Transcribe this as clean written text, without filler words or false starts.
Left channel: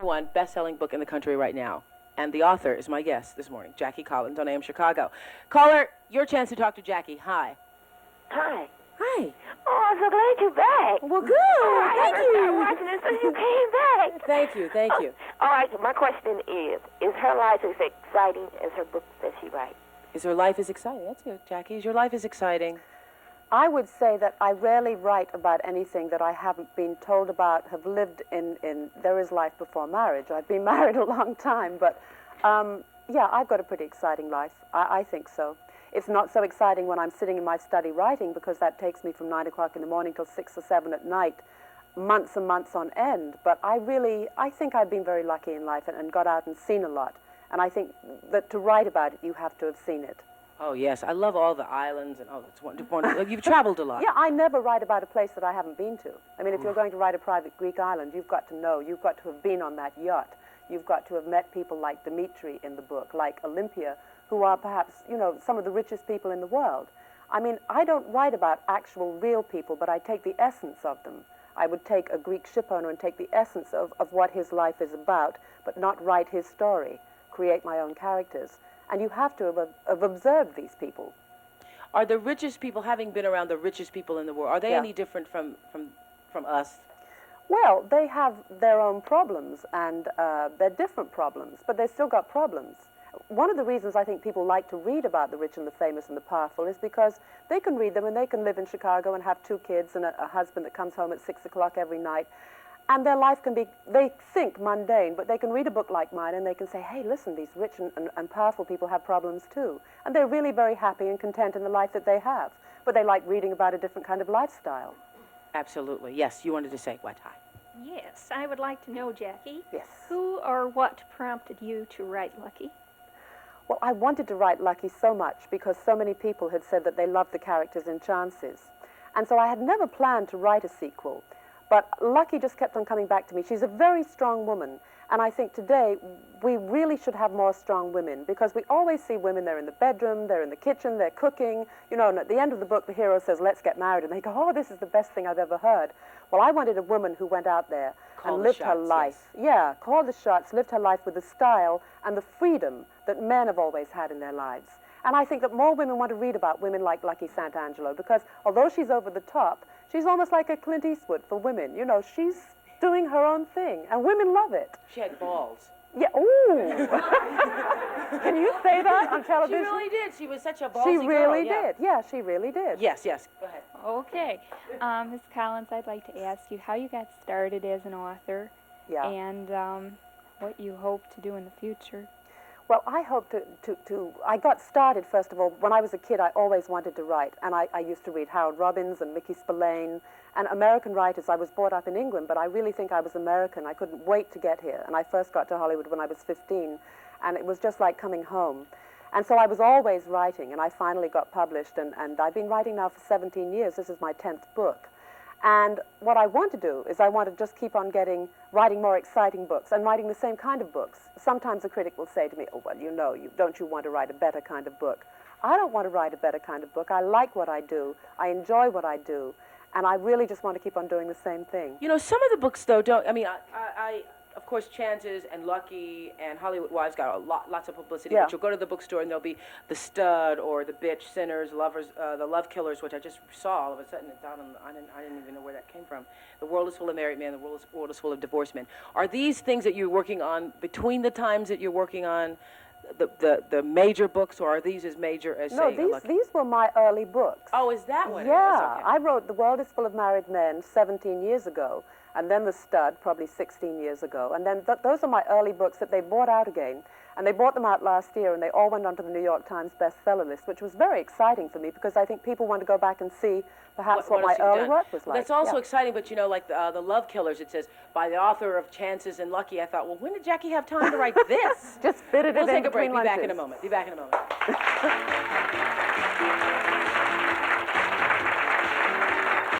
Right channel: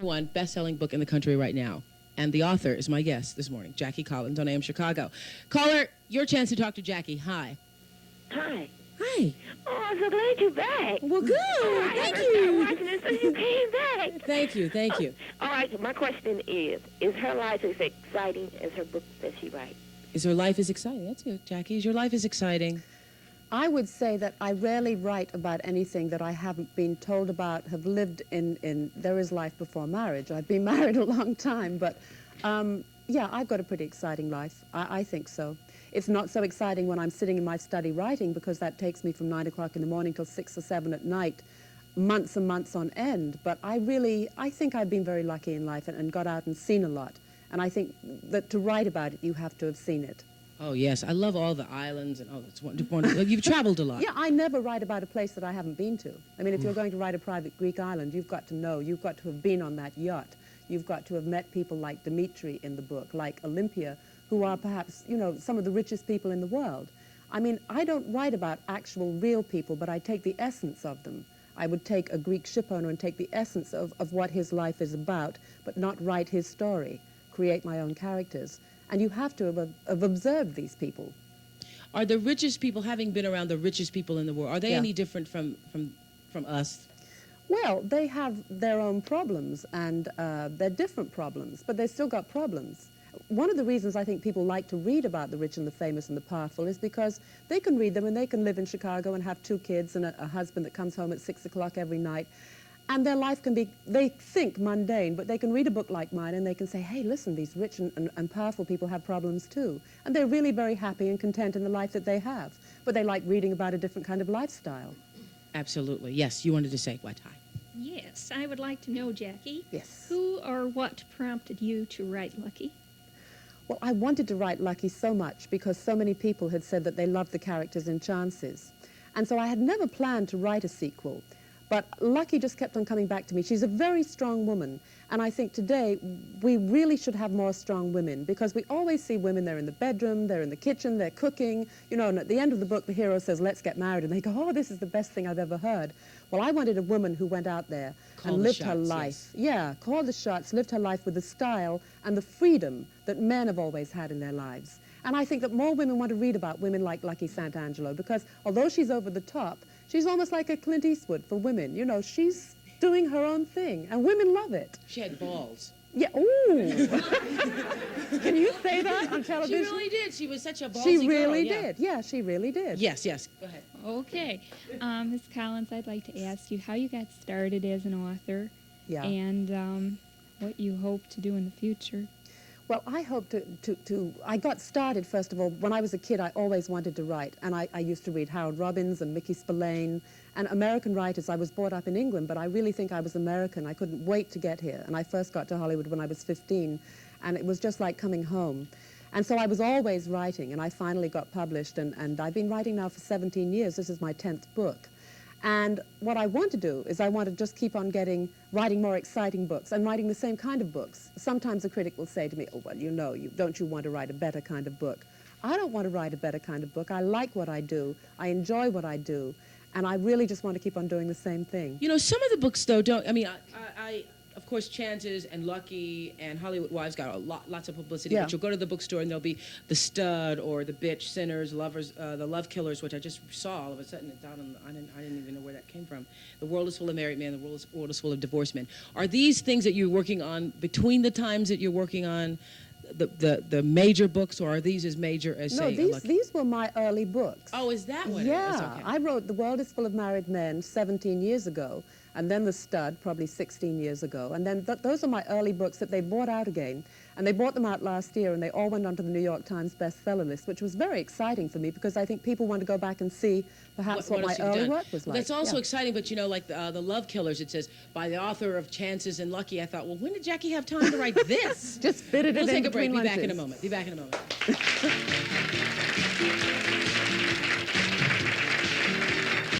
One best-selling book in the country right now. And the author is my guest this morning, Jackie Collins on AM Chicago. Caller, your chance to talk to Jackie. Hi. Hi. Hi. Oh, I'm so glad you're back. Well, good. Oh, Thank I you. watching it since you came back. Thank you. Thank you. All right, my question is her life as exciting as her book that she writes? Is her life is exciting? That's good, Jackie. Is your life is exciting? I would say that I rarely write about anything that I haven't been told about, have lived in. There is life before marriage. I've been married a long time, but yeah, I've got a pretty exciting life. I think so. It's not so exciting when I'm sitting in my study writing, because that takes me from 9 o'clock in the morning till 6 or 7 at night, months and months on end. But I think I've been very lucky in life and got out and seen a lot. And I think that to write about it, you have to have seen it. Oh, yes. I love all the islands and that's wonderful. You've traveled a lot. Yeah, I never write about a place that I haven't been to. I mean, if you're going to write a private Greek island, you've got to know, you've got to have been on that yacht. You've got to have met people like Dimitri in the book, like Olympia, who are perhaps, you know, some of the richest people in the world. I mean, I don't write about actual real people, but I take the essence of them. I would take a Greek shipowner and take the essence of what his life is about, but not write his story, create my own characters. And you have to have observed these people. Are the richest people, having been around the richest people in the world, are they Yeah. any different from us? Well, they have their own problems, and they're different problems, but they've still got problems. One of the reasons I think people like to read about the rich and the famous and the powerful is because they can read them and they can live in Chicago and have 2 kids and a husband that comes home at 6 o'clock every night. And their life can be, they think mundane, but they can read a book like mine and they can say, hey, listen, these rich and powerful people have problems too. And they're really very happy and content in the life that they have. But they like reading about a different kind of lifestyle. Absolutely. Yes, you wanted to say what? Hi. Yes, I would like to know, Jackie. Yes. Who or what prompted you to write Lucky? Well, I wanted to write Lucky so much because so many people had said that they loved the characters in Chances. And so I had never planned to write a sequel. But Lucky just kept on coming back to me. She's a very strong woman. And I think today we really should have more strong women, because we always see women, they're in the bedroom, they're in the kitchen, they're cooking. You know, and at the end of the book, the hero says, let's get married. And they go, oh, this is the best thing I've ever heard. Well, I wanted a woman who went out there and lived her life. Yes. Yeah, called the shots, lived her life with the style and the freedom that men have always had in their lives. And I think that more women want to read about women like Lucky Santangelo, because although she's over the top, she's almost like a Clint Eastwood for women. You know, she's doing her own thing, and women love it. She had balls. Yeah, ooh. Can you say that on television? She really did. She was such a ballsy She really girl. Yeah. did. Yeah, she really did. Yes, yes. Go ahead. Okay. Ms. Collins, I'd like to ask you how you got started as an author Yeah. and what you hope to do in the future. Well, I hope I got started, first of all, when I was a kid, I always wanted to write. And I used to read Harold Robbins and Mickey Spillane and American writers. I was brought up in England, but I really think I was American. I couldn't wait to get here. And I first got to Hollywood when I was 15, and it was just like coming home. And so I was always writing, and I finally got published, and I've been writing now for 17 years. This is my 10th book. And what I want to do is I want to just keep on writing more exciting books and writing the same kind of books. Sometimes a critic will say to me, oh, well, you know, don't you want to write a better kind of book? I don't want to write a better kind of book. I like what I do. I enjoy what I do. And I really just want to keep on doing the same thing. You know, some of the books, though, don't, I mean, of course, Chances and Lucky and Hollywood Wives got lots of publicity. Yeah. But you'll go to the bookstore and there'll be The Stud or The Bitch, Sinners, Lovers, The Love Killers, which I just saw all of a sudden. It's out on, I didn't even know where that came from. The World is Full of Married Men, The World is Full of Divorced Men. Are these things that you're working on between the times that you're working on the major books, or are these as major as, No, say, Lucky? these were my early books. Oh, is that what it is? Yeah, Okay. I wrote The World is Full of Married Men 17 years ago, and then The Stud probably 16 years ago. And then those are my early books that they brought out again. And they brought them out last year, and they all went onto the New York Times bestseller list, which was very exciting for me, because I think people want to go back and see perhaps what my else you've early done. work was Well, like. that's also Yeah. exciting, but you know, like the Love Killers, it says, by the author of Chances and Lucky. I thought, well, when did Jackie have time to write this? Just fitted it We'll in take a break. between Be back in a lunches. moment. Be back in a moment.